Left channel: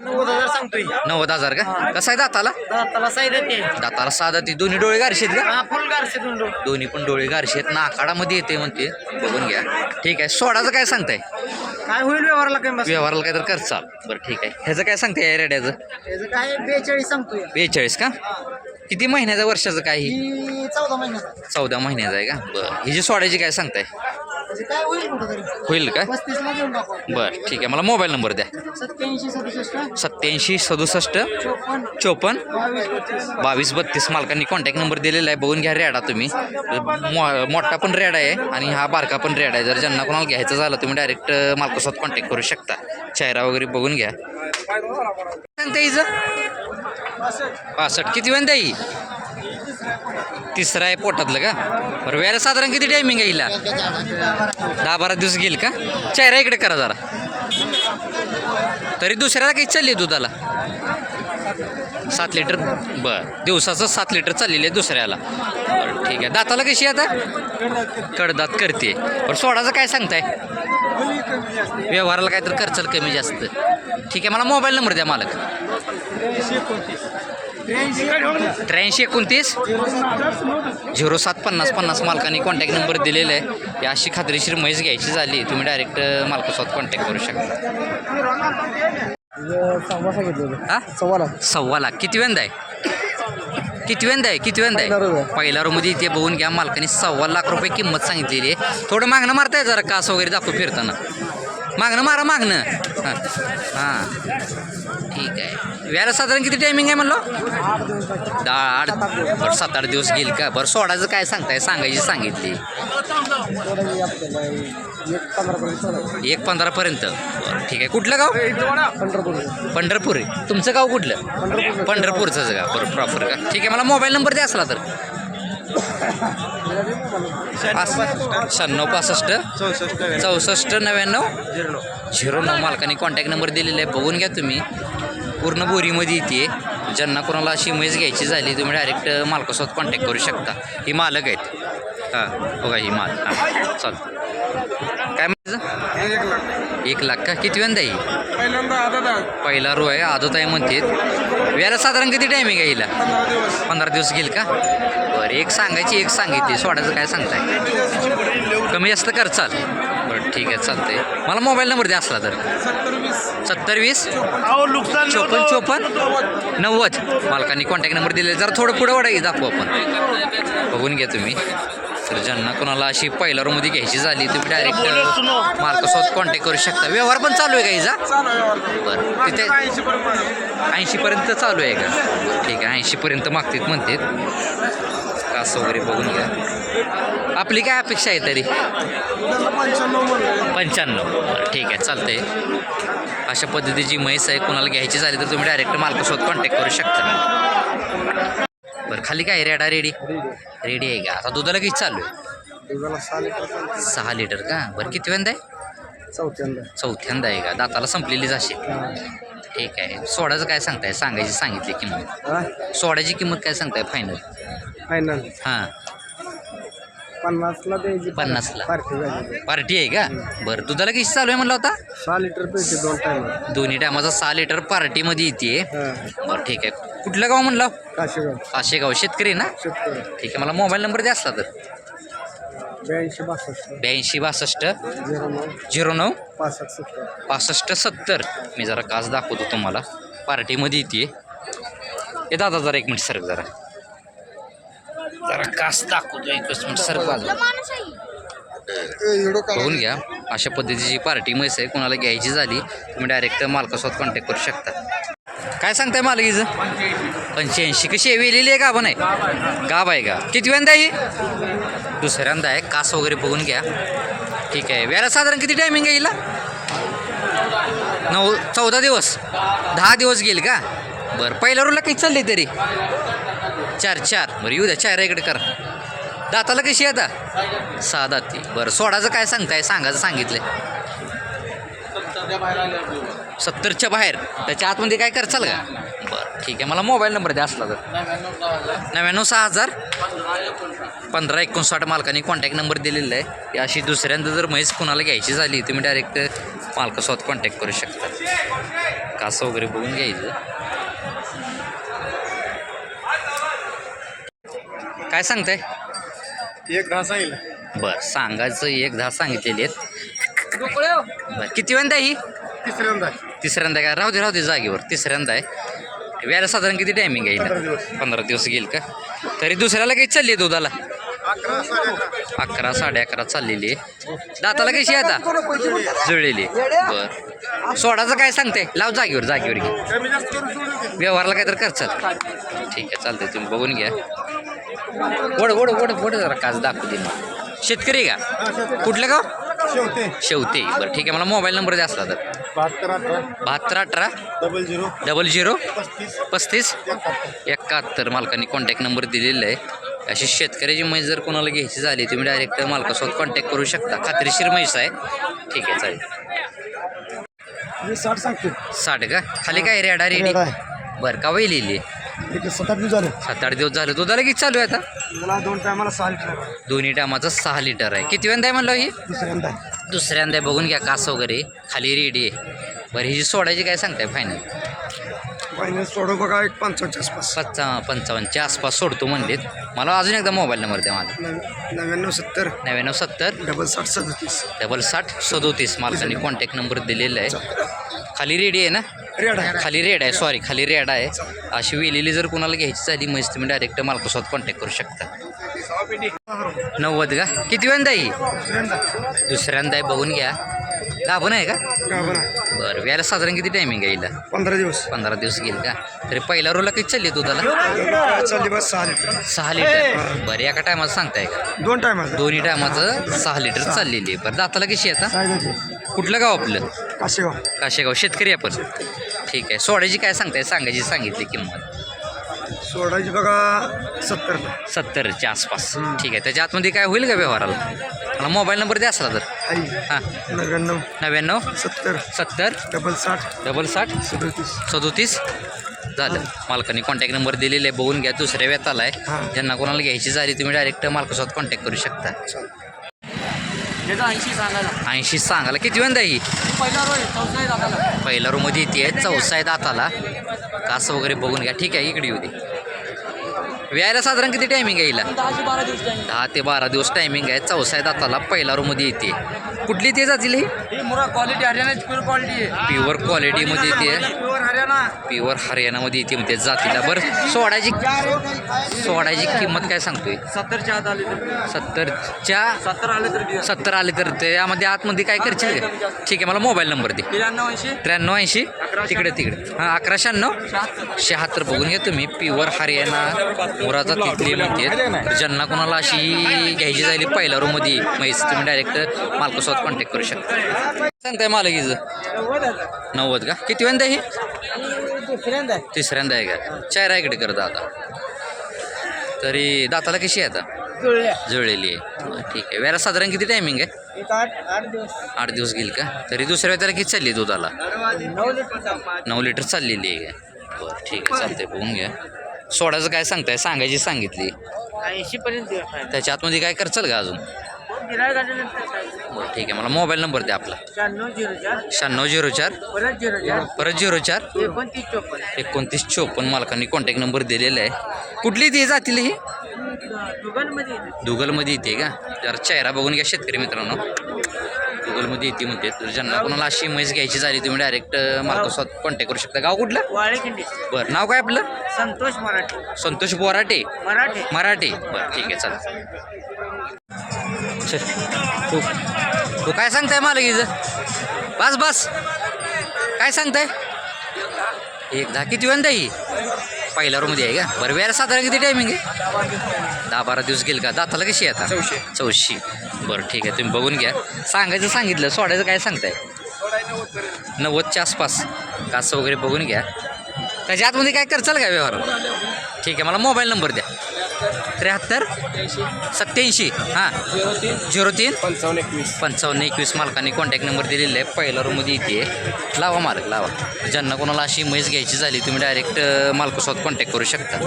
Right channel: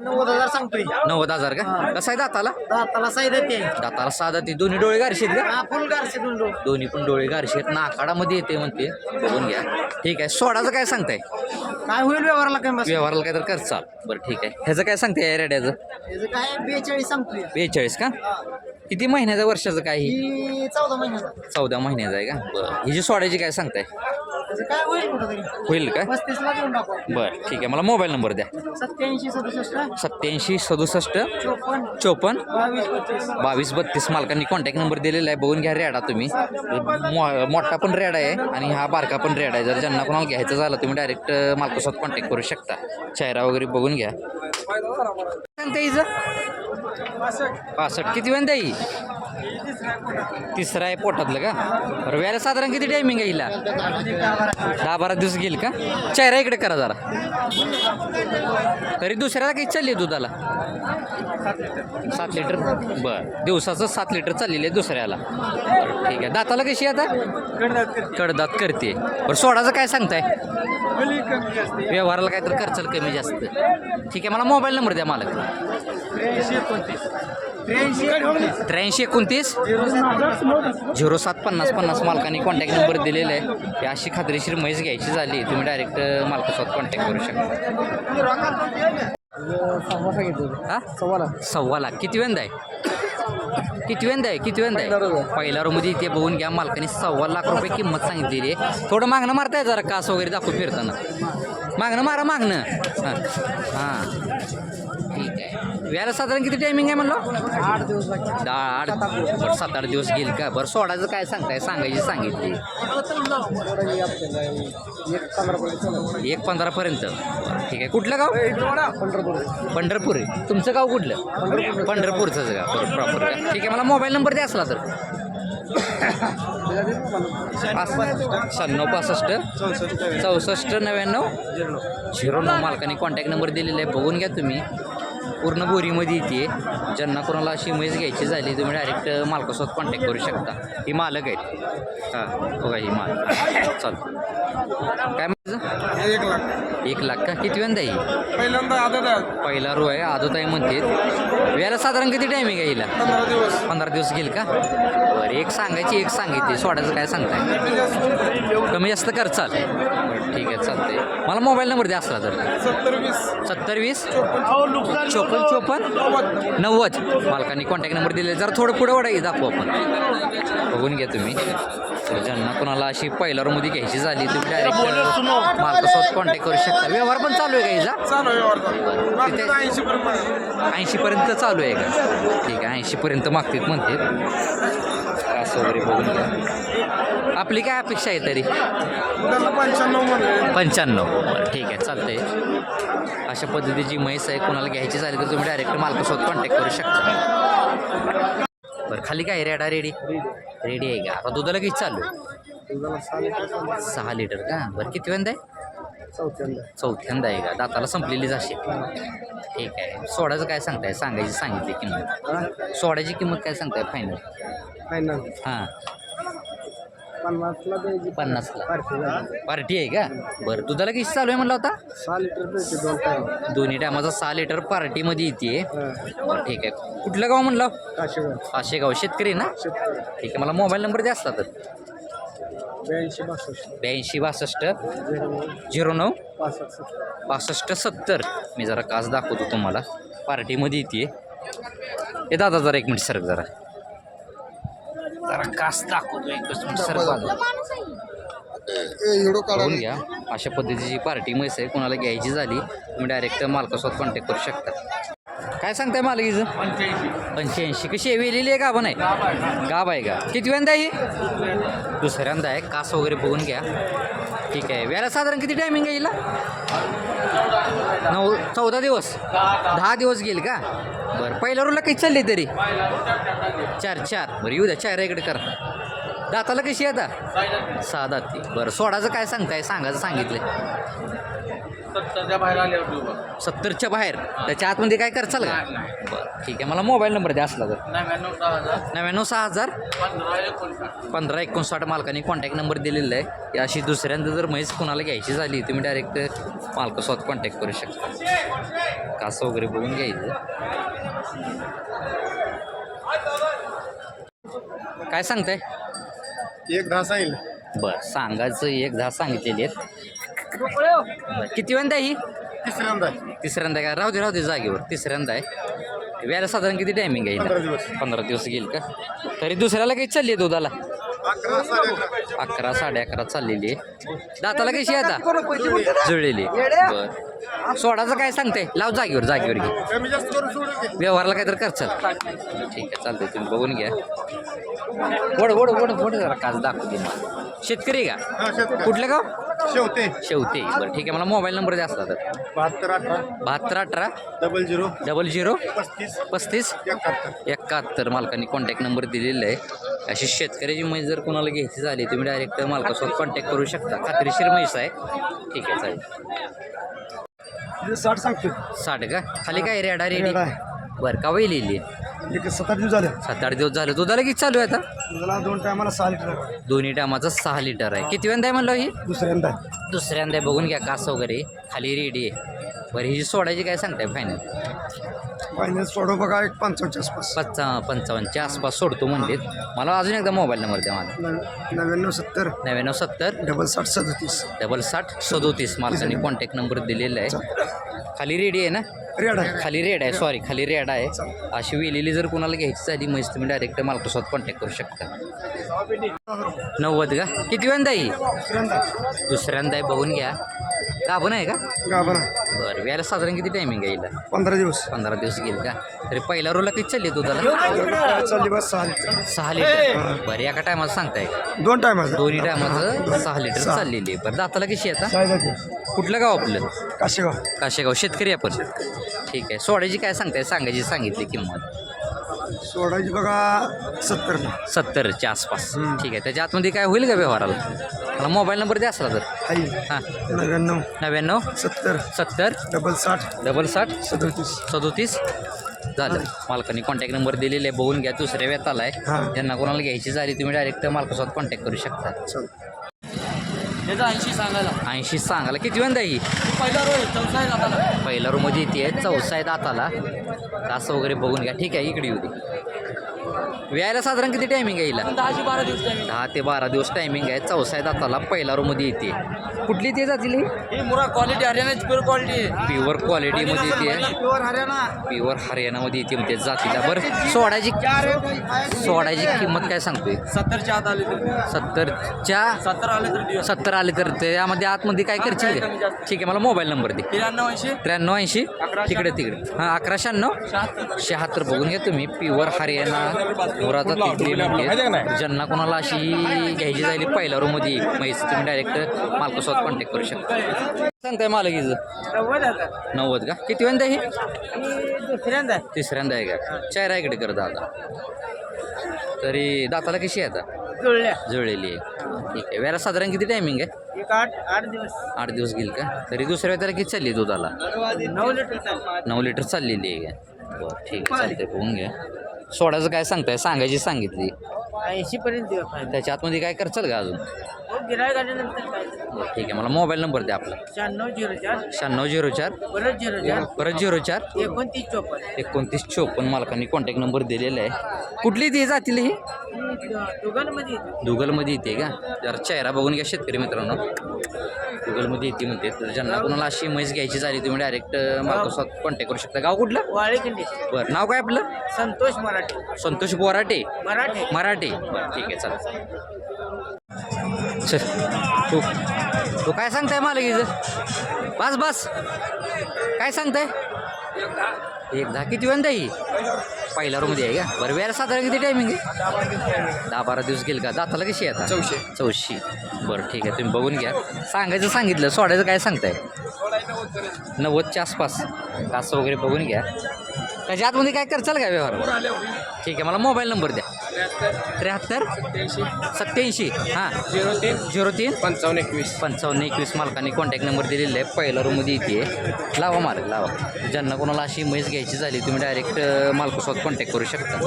90,000 सांगतोय. 90,000 का? कसं आहे दाताला? दाताला साई देते. दाताला साधा ती दोन्ही डोळे गारशेत का? हा फुल गारसे दोन डोळे. दोन्ही पण डोळे गारशेत नाकाडामध्ये येते म्हणते. बघून घ्या. ठीक आहे. सोडाचं काय सांगताय? काय होईल व्यवहाराला कमी बस. व्यवहाराला काय तर करचाल. बरं ठीक आहे. ह्याचं काय सांगताय रेड्याचं? त्याचं काय 42 सांगतोय. 42 का? किती महिन्याचं वर्षाचं काय? ही 14 महिन्याचा. 14 महिन्याचं आहे का? बरं ही जी सोडायची काय सांगताय? त्याचं काय होईल कुठं तरी होईल का? 35 ला देऊन टाकू. बरं ठीक आहे. मला मोबाईल नंबर द्या. 87 67 87 67 54 54 22 32. 22 32 मालकांनी कॉन्टॅक्ट नंबर दिलेला आहे. बघून घ्या रेडा तुम्ही. मोठा पण रेडा आहे आणि हा बारका पण रेडा आहे. जर ज्यांना कोणाला घ्यायचं झालं तुम्ही डायरेक्ट मालकासोबत कॉन्टॅक्ट करू शकता. चेहरा वगैरे बघून घ्या. सांगता हिचं 65 किती वेळ ही? तिसरा आहे पोटातलं का? बरं वेळेला साधारण किती टायमिंग आहे हिला? 10-12 दिवस गेल का? चेहरा इकडे करा जरा. तरी दुसऱ्याला काही चालली दुधाला? 7 लिटर. बरं दिवसाचं 7 लिटर चाललेलं आहे दुसऱ्याला. बरं ठीक आहे. दाताला कशी आता? कडदात करते. बरं सोडाचं काय सांगताय? व्यवहाराला काय तर खर्चाल कमी जास्त. ठीक आहे. मला मोबाईल नंबर द्या मालक. 83 29 07 50 50 मालकांनी कॉन्टॅक्ट नंबर दिलेला आहे. ही अशी खात्रीशीर म्हैस घ्यायची झाली तुम्ही डायरेक्ट मालकासोबत कॉन्टॅक्ट करू शकता. हा 1.25 लाख. किती वेंदा आहे? किती वेंदा आहे? पहिल्या रूममध्ये इथे बघून घ्या. मालकाने 1.25 लाख रुपये किंमत सांगितलेली आहे. थोडं मागणं मारताय जरा कास वगैरे दाखवू फिरताना. मागणं हां हां ठीक आहे. व्याला साधारण किती टायमिंग आहे म्हणलं? 8 बरं 7-8 दिवस गेल का? बरं सोडायचं काय सांगताय? सांगायची सांगितली 1.15 पर्यंत. बरं ठीक आहे. कुठलं गाव? पंढरपूर आहे. तुमचं गाव कुठलं? पंढरपूरचंच गाव. बरं प्रॉपर का? ठीक आहे. मला मोबाईल नंबर द्या असला तर. 96 65 64 99 09 मालकाने कॉन्टॅक्ट नंबर दिलेला आहे. बघून घ्या तुम्ही. पूर्ण बोरीमध्ये येते. ज्यांना कोणाला अशी म्हैस घ्यायची झाली तुम्ही डायरेक्ट मालकासोबत कॉन्टॅक्ट करू शकता. ही मालक आहेत. हां बघा ही माल. हां चालतं. काय म्हणायचं? 1 लाख का? किती वेंदा ही? पहिला रो आहे. आदत आहे म्हणते. व्याला साधारण किती टायमिंग आहे हिला? 15 दिवस गेल का? बरं एक सांगायची एक सांगितली. सोडायचं काय सांगताय? कमी जास्त करचाल? बरं ठीक आहे चालतंय. मला मोबाईल नंबर द्या असला तर. 70 20 54 54 90 मालकांनी कॉन्टॅक्ट नंबर दिले. जरा थोडं पुढं वाढाय दाखवू आपण. बघून घ्या तुम्ही. तर ज्यांना कोणाला अशी पहिल्या रूममध्ये घ्यायची झाली तुम्ही डायरेक्ट मालकासोबत कॉन्टॅक्ट करू शकता. व्यवहार पण चालू आहे का हिचा? बरं तिथे 80पर्यंत चालू आहे का? ठीक आहे. 80पर्यंत मागतात म्हणतात. असं वगैरे बघून घ्या. आपली काय अपेक्षा आहे तरी? 95. बरं ठीक आहे चालतंय. अशा पद्धतीची म्हैस आहे. कोणाला घ्यायची झाली तर तुम्ही डायरेक्ट मालकासोबत कॉन्टॅक्ट करू शकता. बरं खाली काय रेडी आहे का? आता दुधाला किती चालू आहे? 6 लिटर का? बरं किती वेंदा आहे? चौथ्यांदा आहे का? दाताला संपलेलीच असेल. ठीक आहे. सोडायचं काय सांगताय? सांगायची सांगितली किंमत. सोडायची किंमत काय सांगताय फायनल? हां 50ला पार्टी आहे का? बरं दुधाला किती चालू आहे म्हणलं होता? 6 लिटर दोन्ही टायमाचा 6 लिटर पार्टीमध्ये येते. बरं ठीक आहे. कुठलं गाव म्हणलं? काशेगाव. शेतकरी ना? ठीक आहे. मला मोबाईल नंबर द्या असला तर. 82 62 09 65 70. मी जरा कास दाखवतो तुम्हाला. पार्टीमध्ये येते. हे दादा जरा 1 मिनिट सरक जरा कास दाखवतो. 1 मिनिट सरक बाजू. बघून घ्या. अशा पद्धतीची पार्टी म्हैस आहे. कोणाला घ्यायची झाली तुम्ही डायरेक्ट मालकासोबत कॉन्टॅक्ट करू शकता. काय सांगताय मालकीचं? 85. कशी आहे? वेलेली आहे का? पण आहे गाब आहे का? किती वेंदा आहे? दुसऱ्यांदा आहे. कास वगैरे बघून घ्या. ठीक आहे. व्याला साधारण किती टायमिंग आहे हिला? 14 दिवस 10 दिवस गेल का? बरं पहिल्या रोला काही चालले तरी 4 बरं येऊ द्या. चेहरा इकडे करा. दाताला कशी आहे आता? 6 दाती. बरं सोडायचं काय सांगताय? सांगायचं सांगितलं 70च्या बाहेर. त्याच्या आतमध्ये काय करचाल का? बरं ठीक आहे. मला मोबाईल नंबर द्या असला तर. 99 6000 15 59 मालकाने कॉन्टॅक्ट नंबर दिलेला आहे. अशी दुसऱ्यांदा जर म्हैस कोणाला घ्यायची झाली तुम्ही डायरेक्ट मालकासोबत कॉन्टॅक्ट करू शकता. कास वगैरे बघून घ्यायचं. काय सांगताय? 1-10 सांगितलं. बरं सांगायचं 1-10 सांगितलेली आहेत. बरं किती वेळा ही? तिसऱ्यांदा तिसऱ्यांदा का? राहू दे जागेवर. तिसऱ्यांदा आहे. व्याला साधारण किती टायमिंग आहे? 15 दिवस. 15 दिवस घेईल का? तरी दुसऱ्याला काही चालली आहे दुधाला? 11 11-11.5 चाललेली आहे. दाताला कशी आहे आता? जुळलेली आहे. बरं सोडाचं काय सांगते? लाव जागेवर घे. कमी जास्त करून सोडून घे. व्यवहारला काहीतरी करचाल. ठीक आहे चालतंय, तुम्ही बघून घ्या. वड जरा काच दाखवू दे मला. शेतकरी का? कुठलं गाव? शेवते. बरं ठीक आहे, मला मोबाईल नंबर द्या असला तर. 7218 00 35 71. मालकांनी कॉन्टॅक्ट नंबर दिलेला आहे. अशी शेतकऱ्याची म्हैस जर कोणाला घ्यायची झाली तुम्ही डायरेक्ट मालकासोबत कॉन्टॅक्ट करू शकता. खात्रीशीर म्हैस आहे. ठीक आहे चालेल. 60 सांगतो. 60 का? खाली काय रेडा रेडी? बरं का वय लिहिली? 7-8 दिवस झाले. 7-8 दिवस झाले. दुधाला किती चालू आहे आता? मला 2 टायमाला 6 लिटर. दोन्ही टायमाचं 6 लिटर आहे. किती वेळा आहे म्हणलं ही? दुसऱ्यांदा आहे. बघून घ्या कास वगैरे खाली रेडी आहे. बरं ही जी सोडायची काय सांगताय फायनल? फायनल सोडू बघा 1.55 आसपास. 55च्या आसपास सोडतो म्हणलेत. मला अजून एकदा मोबाईल नंबर द्या माझा. 9970 9970 67 67 मालकांनी कॉन्टॅक्ट नंबर दिलेला आहे. खाली रेडी आहे ना? खाली रेड आहे. सॉरी खाली रेड आहे. अशी वेलेली जर कोणाला घ्यायची झाली म्हैस तुम्ही डायरेक्ट मालकासोबत कॉन्टॅक्ट करू शकता. 90 का? किती वेळा ही? दुसऱ्यांदा आहे. बघून घ्या. गाभण आहे का? बरं व्याला साधारण किती टायमिंग आहे? 15 दिवस घेईल का? तरी पहिल्या रोला किती चालली दुधाला? 6 लिटर. बरं एका टायमाचं सांगताय का? 2 टायमाला. दोन्ही टायमाचं 6 लिटर चाललेली आहे. बरं दाताला कशी आहे आता? कुठलं गाव आपलं? काशेगाव. शेतकरी आपण. ठीक आहे. सोडायची काय सांगताय? सांगितली किंमत सोडायची बघा 70च्या आसपास. ठीक आहे. त्याच्या आतमध्ये काय होईल का व्यवहाराला? मला मोबाईल नंबर द्या असला तर. हां 99 70 60 37 झालं. मालकांनी कॉन्टॅक्ट नंबर दिलेला आहे. बघून घ्या. दुसऱ्या वेताला आहे. ज्यांना कोणाला घ्यायची झाली तुम्ही डायरेक्ट मालकासोबत कॉन्टॅक्ट करू शकता. 80 सांगायला. किती वेळा ही? पहिल्या रूमध्ये येते. चौसा आहे दाताला. कास वगैरे बघून घ्या. ठीक आहे इकडे येऊ दे. व्यायला साधारण किती टायमिंग आहे हिला? 10 ते 12 दिवस टायमिंग आहे. चौसा आहे दाताला. पहिल्या रूमध्ये येते. कुठली ते जातील ही? प्युअर क्वालिटीमध्ये येते. प्युअर हरियाणामध्ये येते म्हणते जातीला. बरं सोडायची किंमत काय सांगतोय? 70 आले तर त्यामध्ये आतमध्ये काय करशील का? ठीक आहे मला मोबाईल नंबर दे. 93 तिकडे हां 1196 बघून घ्या तुम्ही. प्युअर हरियाणा मुराचा तिथली म्हणते. तर ज्यांना कोणाला अशी घ्यायची झाली पहिल्या रूममध्ये म्हैस तुम्ही डायरेक्ट मालकासोबत कॉन्टॅक्ट करू शकता. सांगताय मालकीचं? 90 का? किती वेळा हे? तिसऱ्यांदा आहे का? चेहरा इकडे कर दादा. तरी दाताला कशी आहे आता? जुळलेली आहे. ठीक आहे. वेळा साधारण किती टायमिंग आहे? 8 दिवस घेईल का? तरी दुसऱ्या वेळेला किती चालली दुधाला? 9 लिटर चाललेली आहे का? बरं ठीक आहे चालतंय. बघून घ्या. सोडायचं काय सांगताय? सांगितली 80 पर्यंत. त्याच्या आतमध्ये काय करचाल का अजून? बरं ठीक आहे. मला मोबाईल नंबर द्या आपला. 9604 परत 04 2954 मालकांनी कॉन्टॅक्ट नंबर दिलेला आहे. कुठली ती जातील ही? दुगलमध्ये येते का? जरा चेहरा बघून घ्या शेतकरी मित्रांनो. गुगलमध्ये येते म्हणते. तर ज्यांना कोणाला अशी म्हैस घ्यायची झाली तुम्ही डायरेक्ट मालकासोबत कॉन्टॅक्ट करू शकता. गाव कुठलं? बरं नाव काय आपलं? संतोष बोराटे मराठे. बरं ठीक आहे चालेल. तू काय सांगताय मालकीचं? बस काय सांगताय? 10 किती वेळा ही? पहिल्या रूममध्ये आहे का? बरं वेळेला साधारण किती टायमिंग आहे? 10-12 दिवस गेल का? दाताला कशी आहे आता? 84. बरं ठीक आहे. तुम्ही बघून घ्या. सांगितलं सोडायचं काय सांगताय? 90च्या आसपास. कास वगैरे बघून घ्या. त्याच्या आतमध्ये काय करचाल का व्यवहार? ठीक आहे. मला मोबाईल नंबर द्या. 73 87 हां 03 55 21 मालकांनी कॉन्टॅक्ट नंबर दिलेला आहे. पहिला रूममध्ये येते. लावा मालक लावा. ज्यांना कोणाला अशी म्हैस घ्यायची झाली तुम्ही डायरेक्ट मालकासोबत कॉन्टॅक्ट करू शकता.